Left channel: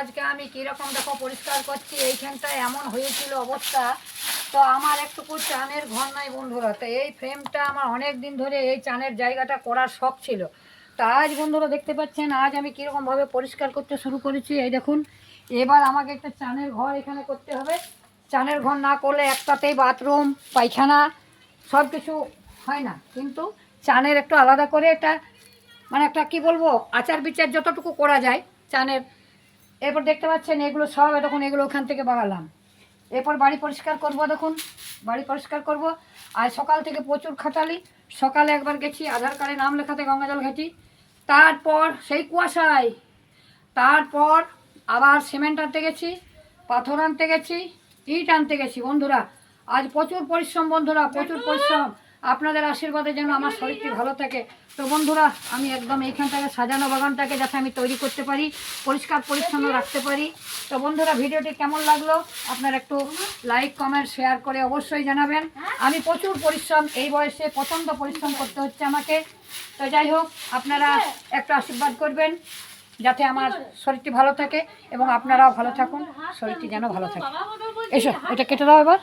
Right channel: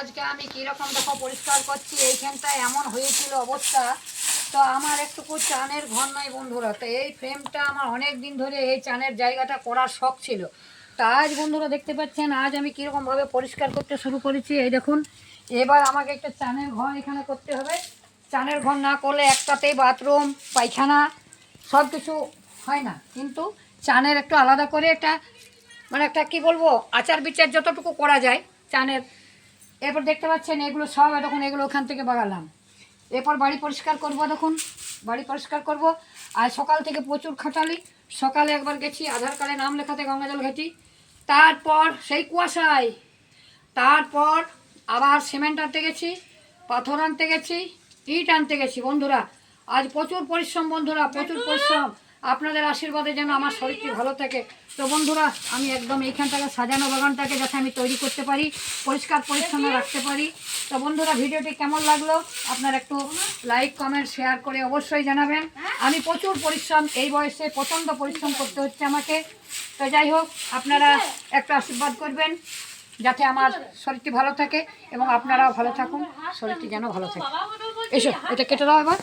আজকে আমি কীরকম দেখো পরিষ্কার করছি। এইখানটায় এমন হয়েছিল অবস্থা, তো আমার একটুকু চানের ঘর নাই বন্ধুরা। তো এই ফ্রেমটা আমার অনেক দিন ধরে এই চানের জায়গাটা করার শখ ছিল। তা আজ বন্ধুরা দেখতে পাচ্ছেন আজ আমি কীরকমভাবে পরিষ্কার করতে শুরু করেছি। এই দেখুন, এবার আমাকে একটা চানের ঘর এখানে করতে হবে। চানের ঘর না করলে একটাতেই বাথরুম পায়খানা সব কিছু হয় না, কিন্তু চানের একটু আলাদা করে একটা মানে একটা কী বলবো আচার বিচার যতটুকু করা যায় চানের। এরপর দেখতে পাচ্ছেন এগুলো সব এখন এগুলো ওখান থেকে বাগালাম। এরপর বাড়ি পরিষ্কার করব। দেখুন বাড়ি পরিষ্কার করব। আর সকাল থেকে প্রচুর খাটালি। সকালে একবার গেছি আধার কার্ডে নাম লেখাতে গঙ্গাজল ঘাটি, তারপর সেই কুয়াশায়, তারপর আবার সিমেন্ট আনতে গেছি, পাথর আনতে গেছি, ইট আনতে গেছি বন্ধুরা। আজ প্রচুর পরিশ্রম বন্ধুরা, প্রচুর পরিশ্রম। আপনাদের আশীর্বাদে যেন আমার শরীরটি ভালো থাকে। তো বন্ধুরা আমি একদম এইখানটাকে সাজানো বাগানটাকে যাতে আমি তৈরি করতে পারি, পরিষ্কার পরিচ্ছন্ন রাখতে পারি। তো বন্ধুরা ভিডিওটি কেমন লাগলো আপনারা একটু লাইক কমেন্ট শেয়ার করে অবশ্যই জানাবেন। আমি প্রচুর পরিশ্রম, এই বয়সে প্রচণ্ড পরিশ্রম করতে হচ্ছে আমাকে। তো যাই হোক আপনারা একটু আশীর্বাদ করবেন যাতে আমার শরীরটি ভালো থাকে এবং আপনারাও ভালো থাকুন, শরীরটি যেন ভালো থাকে। এসো এটা কেটে দাও এবার।